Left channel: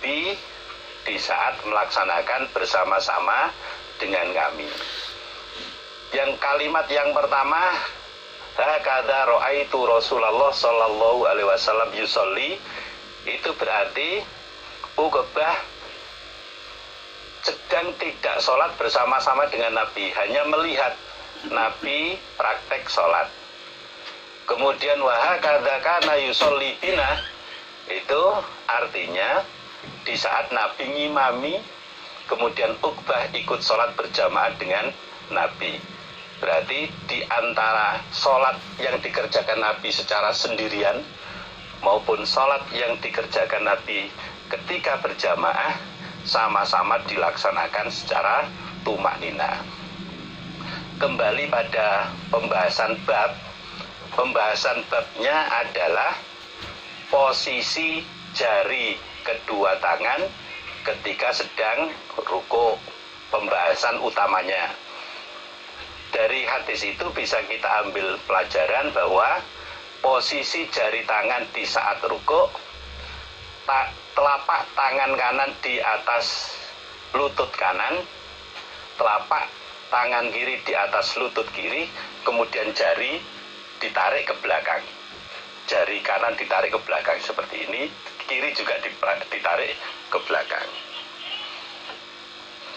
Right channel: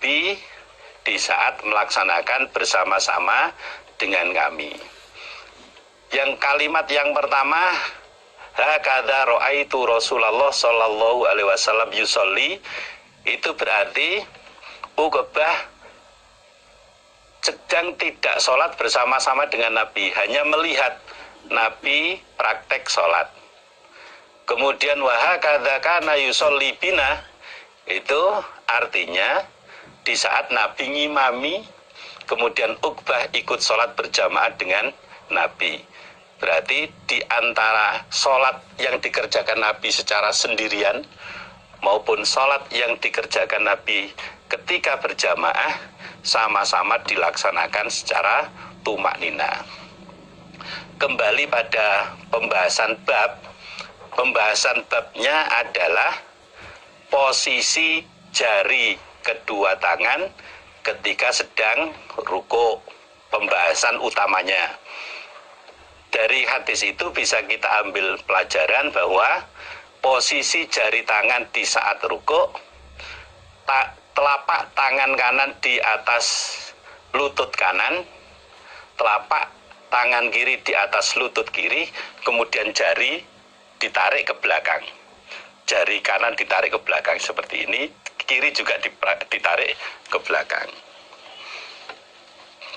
Nabi di saat melaksanakan bersama-sama dengan kami. Yang kalimat yang pertama, hakadha ra'aitu Rasulullah sallallahu alaihi wasallam yusolli, itu berarti Uqbah sedang tidak sholat bersama-sama dengan Nabi, hanya melihat Nabi praktek sholat. Kemudian wahakadha kana yusolli bina, itu artinya di saat Nabi ngimami, kemudian Uqbah ikut sholat berjamaah dengan Nabi. Berarti di antara sholat yang dikerjakan Nabi secara sendirian maupun sholat yang dikerjakan Nabi ketika berjamaah sama-sama dilaksanakan secara tumak nina. Kembali pada pembahasan babnya adalah posisi jari kedua tangan ketika sedang ruku, pembahasan utamanya. Dari hadis itu bisa kita ambil pelajaran bahwa posisi jari tangan di saat ruku, telapak tangan kanan di atas lutut kanan, telapak tangan kiri di atas lutut kiri, kemudian jari ditarik ke belakang. Jari kanan ditarik ke belakang seperti ini, kiri juga ditarik ke belakang.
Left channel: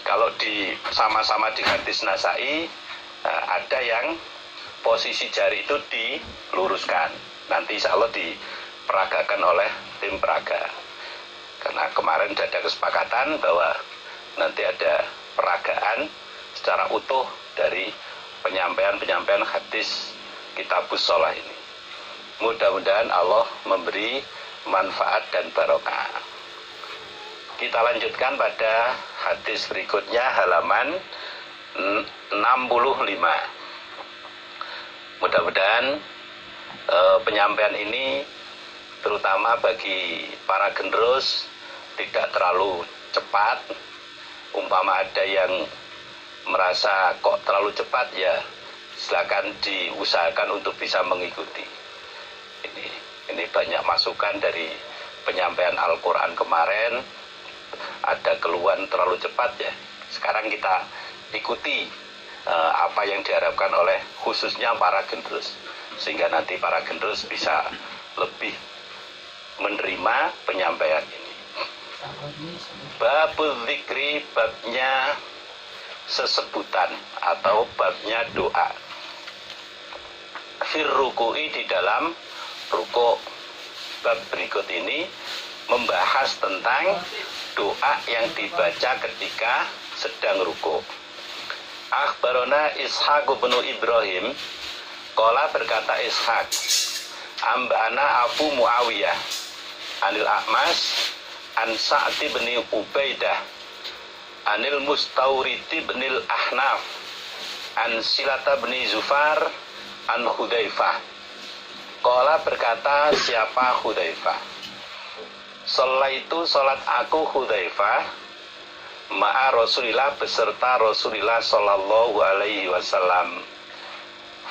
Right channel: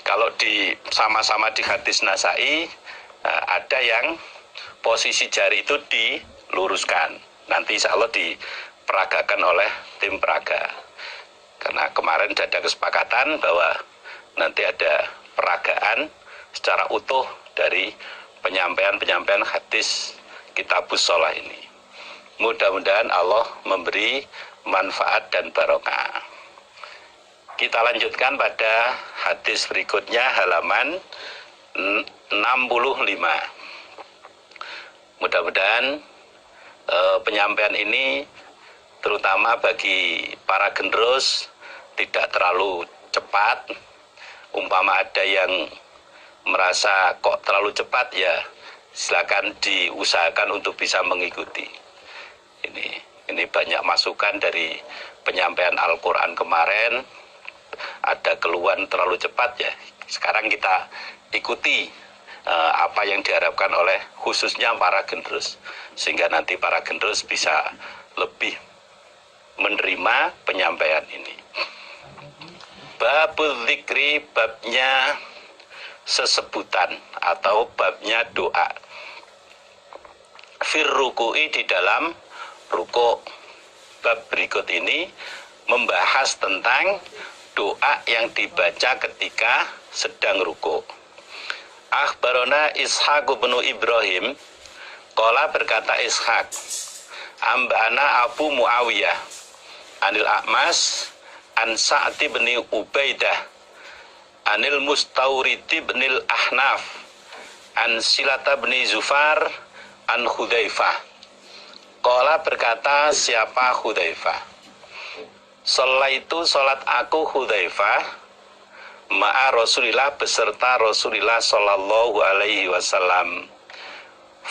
Kalau sama-sama di hadis Nasai, ada yang posisi jari itu diluruskan. Nanti insya Allah diperagakan oleh tim peraga. Karena kemarin sudah ada kesepakatan bahwa nanti ada peragaan secara utuh dari penyampaian hadis Kitabus Shalah ini. Mudah-mudahan Allah memberi manfaat dan barokah. Kita lanjutkan pada hadis berikutnya, halaman 65. Mudah-mudahan penyampaian ini terutama bagi para generus tidak terlalu cepat. Umpama ada yang merasa kok terlalu cepat, ya silakan diusahakan untuk bisa mengikuti. Ini banyak masukan dari penyampaian Al-Quran kemarin, ada keluhan terlalu cepat, ya sekarang kita ikuti apa yang diharapkan oleh khususnya para generus, sehingga nanti para generus bisa lebih menerima penyampaian ini. Babul dzikri, babnya sesebutan atau babnya doa. Fir ruku'i, di dalam ruku'. Bab berikut ini membahas tentang doa yang dibaca ketika sedang ruku'. Akhbarona Ishaq bin Ibrahim, qala, berkata Ishaq, ambana Abu Muawiyah anil A'mas an Sa'd bin Ubaidah anil Mustawrid bin Ahnaf an Silata bin Zufar an Hudzaifah. Qala, berkata siapa Hudzaifah, Sholaitu, sholat aku Hudzaifah, ma'a Rasulillah, beserta Rasulillah sallallahu alaihi wasallam.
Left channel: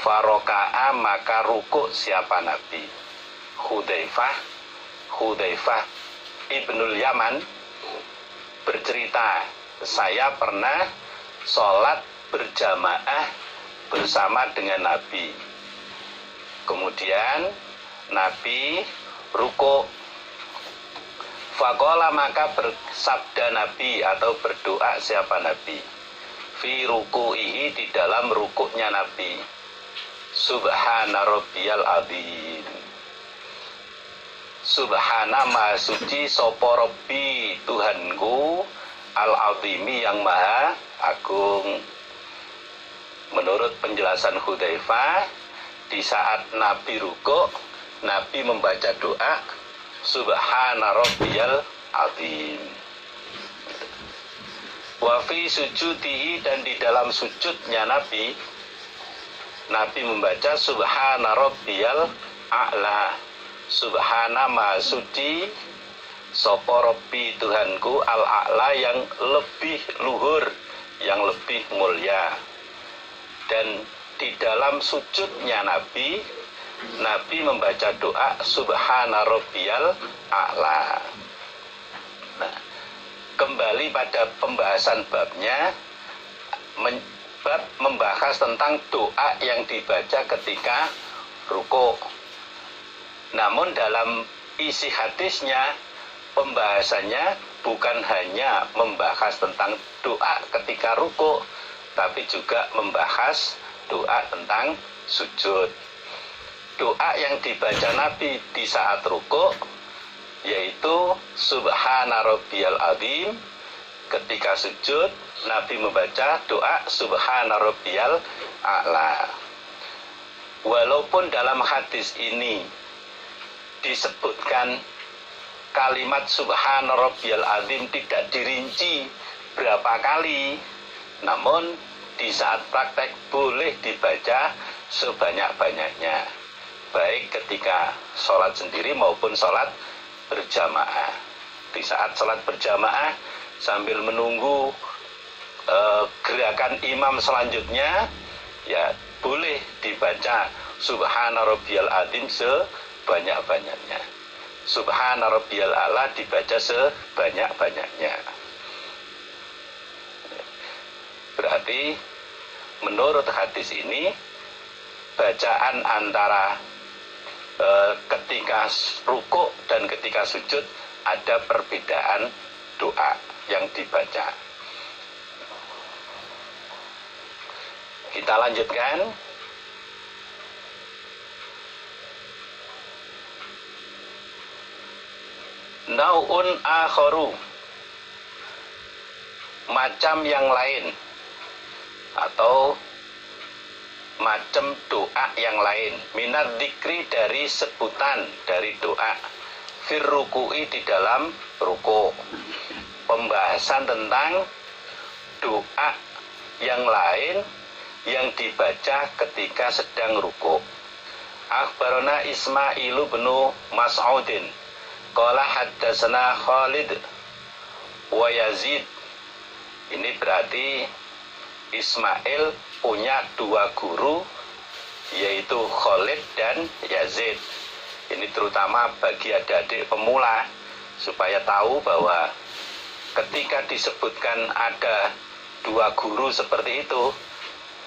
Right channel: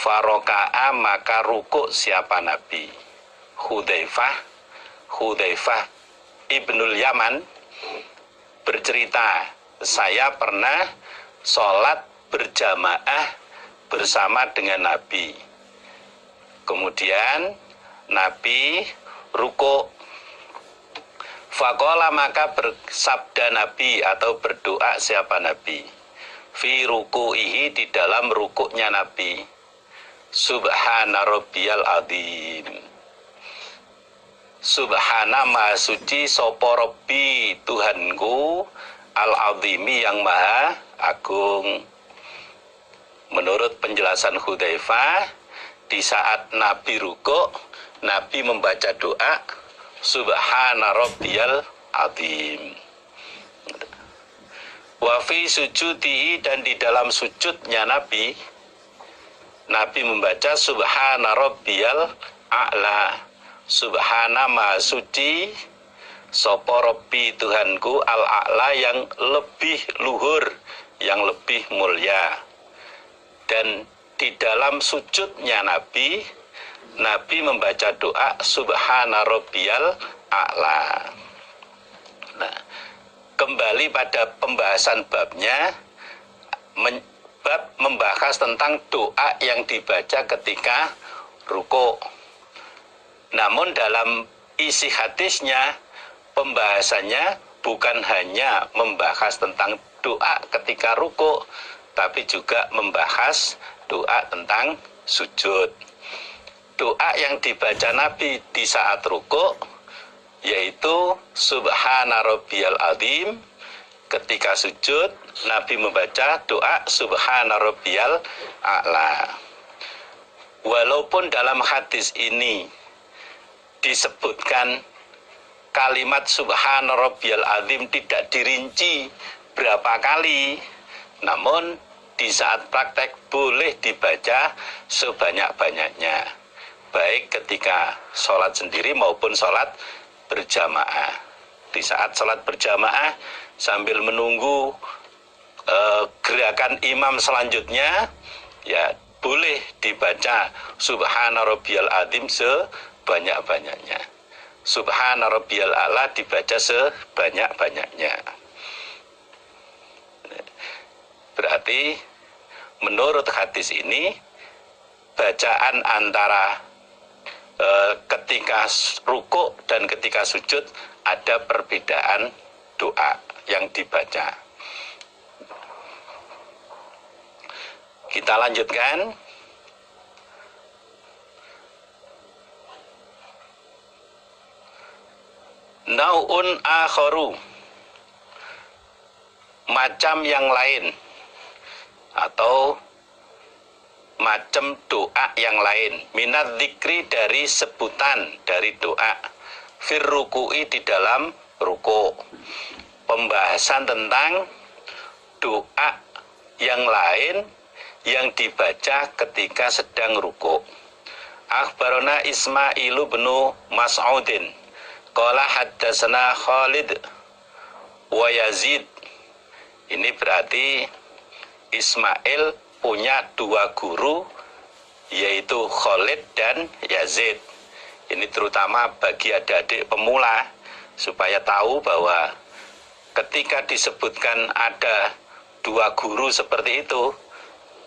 Faroka'a, maka ruku' siapa Nabi. Hudzaifah ibnul Yaman bercerita, saya pernah sholat berjamaah bersama dengan Nabi. Kemudian Nabi ruku'. Faqala, maka bersabda Nabi atau berdoa siapa Nabi. Fi ruku'ihi, di dalam rukuknya Nabi. Subhana rabbiyal azim. Subhana, maha suci, sopo Rabbi, Tuhanku, al-azimi, yang maha agung. Menurut penjelasan Hudzaifah, di saat Nabi ruku', Nabi membaca doa Subhana rabbiyal azim. Wa fi sujudihi, dan di dalam sujudnya Nabi membaca Subhana rabbiyal a'la. Subhana, maha suci, sapa Rabbi, Tuhanku, al-a'la, yang lebih luhur, yang lebih mulia. Dan di dalam sujudnya Nabi membaca doa Subhana rabbiyal a'la. Nah, kembali pada pembahasan babnya, bab membahas tentang doa yang dibaca ketika rukuk. Namun dalam isi hadisnya, pembahasannya bukan hanya membahas tentang doa ketika rukuk, tapi juga membahas doa tentang sujud. Doa yang dibaca Nabi di saat rukuk yaitu Subhana Rabbiyal Azim. Ketika sujud, Nabi membaca doa Subhana Rabbiyal A'la. Walaupun dalam hadis ini disebutkan kalimat Subhana Rabbiyal Azim tidak dirinci berapa kali, namun di saat praktek boleh dibaca sebanyak-banyaknya, baik ketika sholat sendiri maupun sholat berjamaah. Di saat sholat berjamaah sambil menunggu gerakan imam selanjutnya, ya boleh dibaca Subhana Rabbiyal Azim sebanyak-banyaknya. Subhana Rabbiyal A'la dibaca sebanyak-banyaknya. Berarti menurut hadis ini, bacaan antara ketika rukuk dan ketika sujud ada perbedaan doa yang dibaca. Kita lanjutkan. Nau'un akharu, macam yang lain atau macam doa yang lain, minat dzikri dari sebutan dari doa, fir ruku'i di dalam ruku'. Pembahasan tentang doa yang lain yang dibaca ketika sedang ruku'. Akhbarona Ismailu bin Mas'udin qala haddatsana Khalid wa Yazid. Ini berarti Ismail punya dua guru, yaitu Khalid dan Yazid. Ini terutama bagi adik-adik pemula, supaya tahu bahwa ketika disebutkan ada dua guru seperti itu,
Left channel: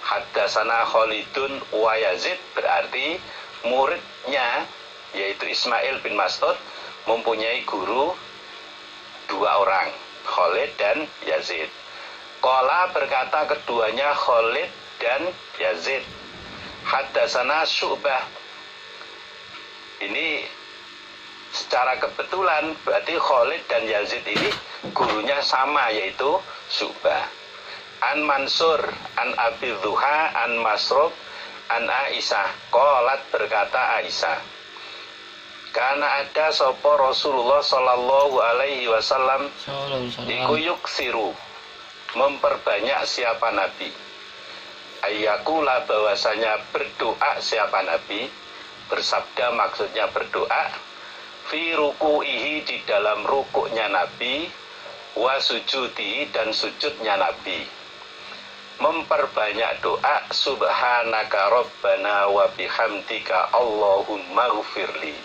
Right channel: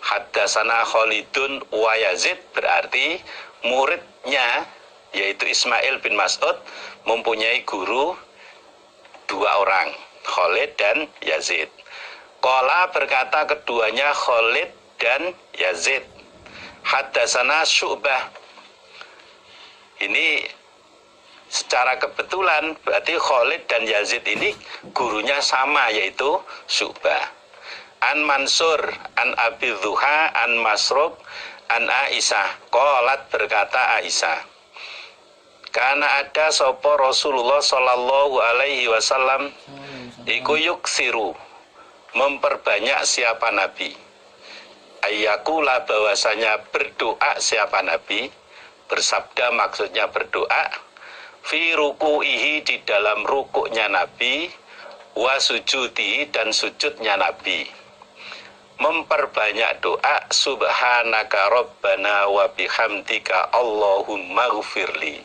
haddatsana Khalidun wa Yazid, berarti muridnya yaitu Ismail bin Mas'ud mempunyai guru dua orang, Khalid dan Yazid. Qala berkata keduanya Khalid dan Yazid, haddatsana Syu'bah. Ini secara kebetulan berarti Khalid dan Yazid ini gurunya sama, yaitu Syu'bah. An Mansur, an Abi Dhuha, an Masruq, an Aisyah. Qalat berkata Aisyah, karena ada sopo Rasulullah sallallahu alaihi wasallam iku yuksiru, memperbanyak siapa Nabi, ayyakula bahwasanya berdoa siapa Nabi, bersabda maksudnya berdoa, fi ruku'ihi di dalam rukuknya Nabi, wa sujudi dan sujudnya Nabi. Memperbanyak doa subhanaka rabbana wa bihamdika Allahumma ghfirli.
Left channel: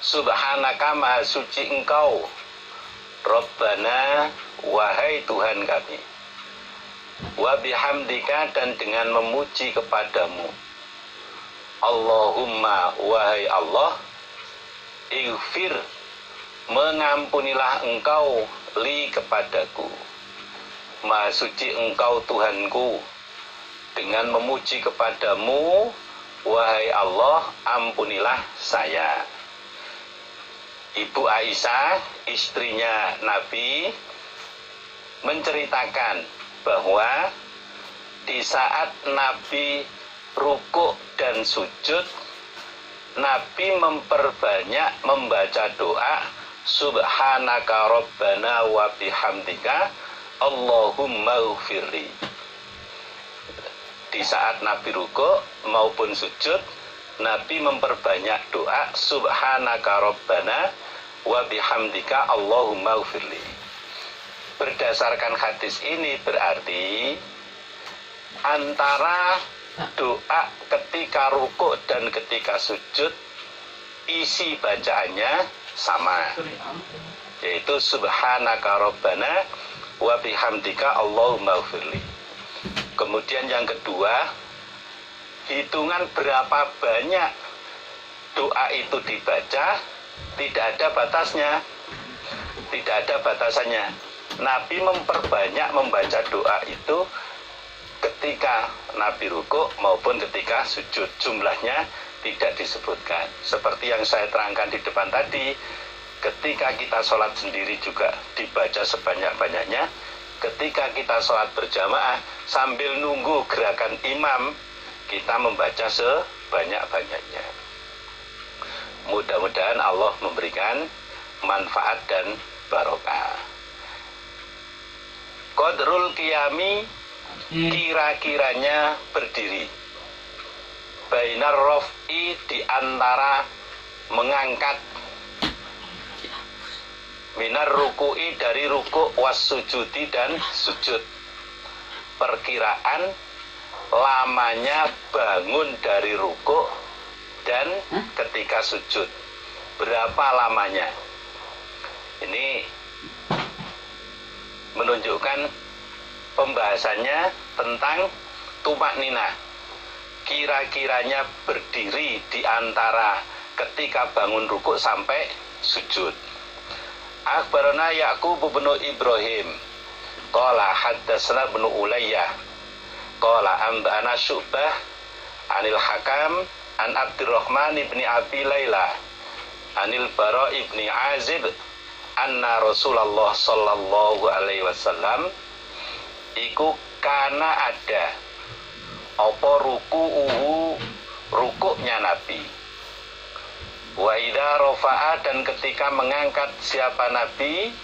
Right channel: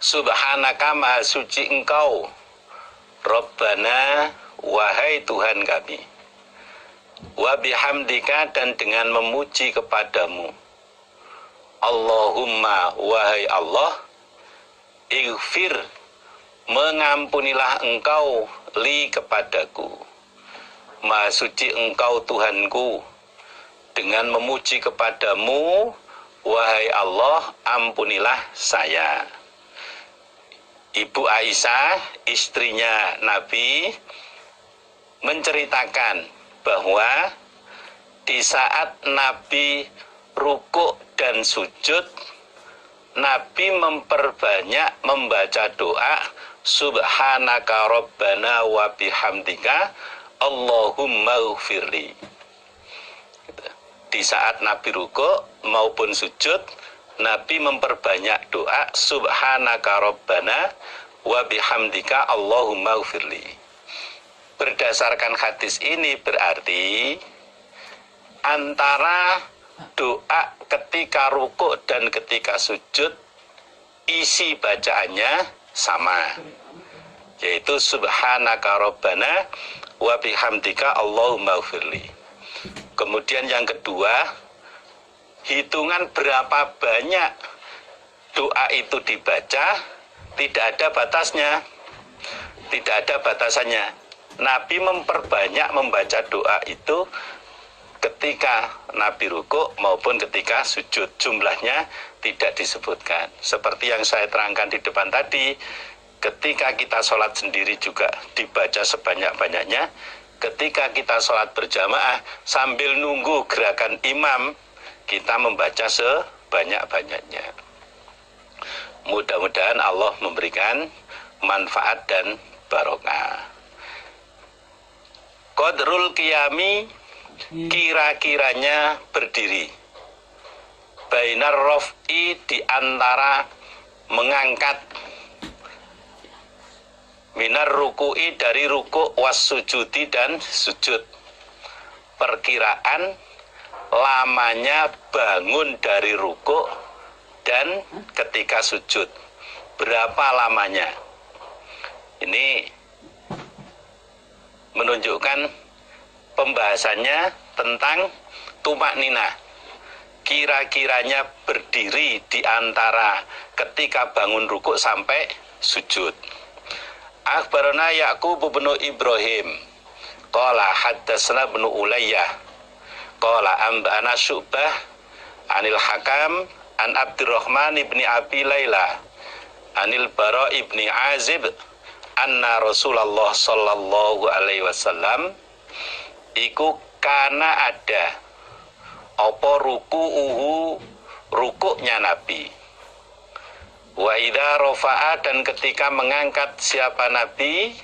Subhanaka maha suci engkau, Rabbana wahai Tuhan kami, wa bihamdika dan dengan memuji kepadamu, Allahumma wahai Allah, ighfir mengampunilah engkau li kepadaku, maha suci engkau Tuhanku, dengan memuji kepadamu wahai Allah ampunilah saya. Ibu Aisyah, istrinya Nabi, menceritakan bahwa di saat Nabi rukuk dan sujud, Nabi memperbanyak membaca doa subhanaka rabbana wa bihamdika Allahumma ghfirli. Di saat Nabi rukuk maupun sujud, Nabi memperbanyak doa subhanaka rabbana wa bihamdika Allahumma ghfirli. Berdasarkan hadis ini berarti antara doa ketika rukuk dan ketika sujud isi bacaannya sama. yaitu subhanaka rabbana wa bihamdika Allahumma firli. Kemudian yang kedua, hitungan berapa banyak doa itu dibaca tidak ada batasnya, tidak ada batasannya. Nabi memperbanyak membaca doa itu ketika Nabi rukuk maupun ketika sujud. Jumlahnya tidak disebutkan. Seperti yang saya terangkan di depan tadi, ketika kita sholat sendiri juga dibaca sebanyak-banyaknya. Ketika kita sholat berjamaah sambil nunggu gerakan imam, kita membaca sebanyak-banyaknya. Mudah-mudahan Allah memberikan manfaat dan barokah. Qadrul qiyami, kira-kiranya berdiri. Bainar raf'i, di antara mengangkat, minar ruku'i, dari rukuk, was sujudi, dan sujud. Perkiraan lamanya bangun dari rukuk dan ketika sujud, berapa lamanya? Ini menunjukkan pembahasannya tentang tumak ninah. Kira-kiranya berdiri di antara ketika bangun rukuk sampai sujud. Akhbarana Ya'qub bin Ibrahim qala haddatsana ibnu Ulayyah qala anba'ana Syu'bah anil Hakam an Abdurrahman ibni Abi Laila anil Bara ibni Azib anna Rasulullah sallallahu alaihi wasallam iku kana ada apa ruku'uhu, rukuknya Nabi, wa idza rafa'a, dan ketika mengangkat siapa Nabi,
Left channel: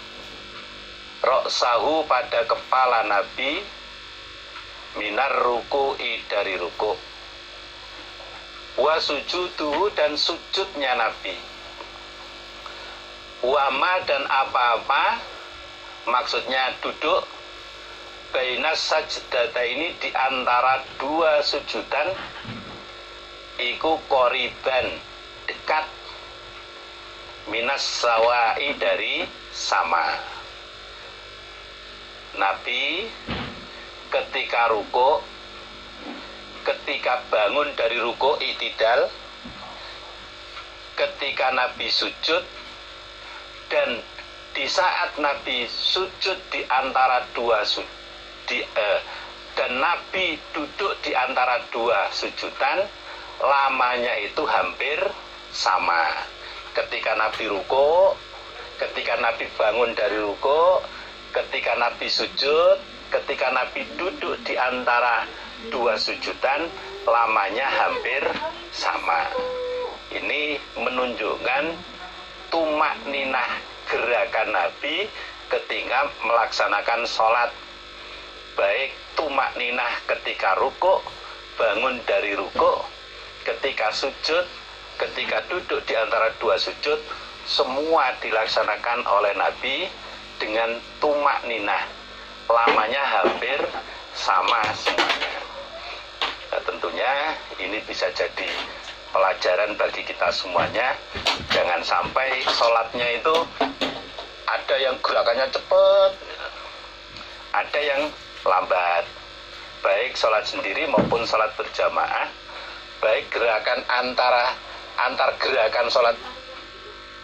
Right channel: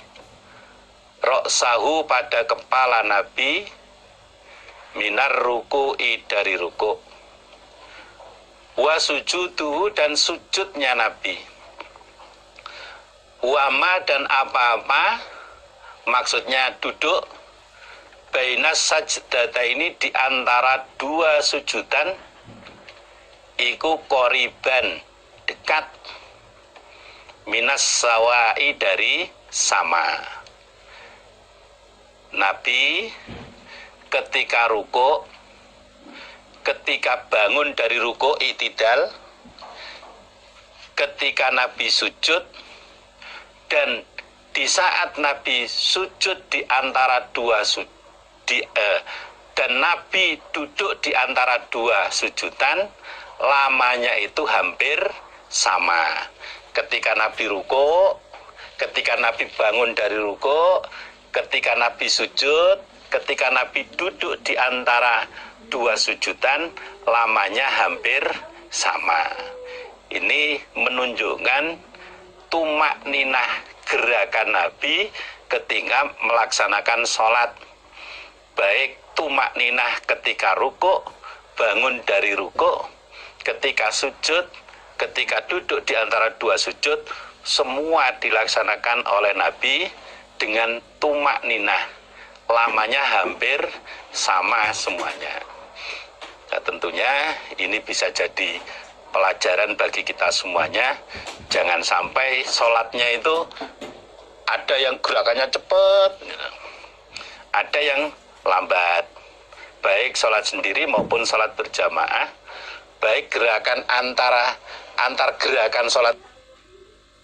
ra'sahu, pada kepala Nabi, minar ruku'i, dari rukuk, wa sujuduhu, dan sujudnya Nabi, wa ma, dan apa-apa, maksudnya duduk, bainas sajdata, ini di antara dua sujudan, iku qoriban, dekat, minas sawai, dari sama. Nabi ketika rukuk, ketika bangun dari rukuk i'tidal, ketika Nabi sujud, dan di saat Nabi sujud di antara dua dan Nabi duduk di antara dua sujudan, lamanya itu hampir sama. Ketika Nabi rukuk, ketika Nabi bangun dari rukuk, ketika Nabi sujud, ketika Nabi duduk di antara dua sujudan, lamanya hampir sama. Ini menunjukkan tumak ninah gerakan Nabi ketika melaksanakan sholat, baik tumak ninah ketika rukuk, bangun dari rukuk, ketika sujud, ketika duduk di antara dua sujud, semua dilaksanakan oleh Nabi dengan tumak ninah, lamanya hampir sama semuanya. Nah, tentunya ini bisa jadi pelajaran bagi kita semuanya. Jangan sampai sholatnya itu ada yang gerakannya cepat, ada yang lambat, baik sholat sendiri maupun sholat berjamaah, baik gerakan antar gerakan sholat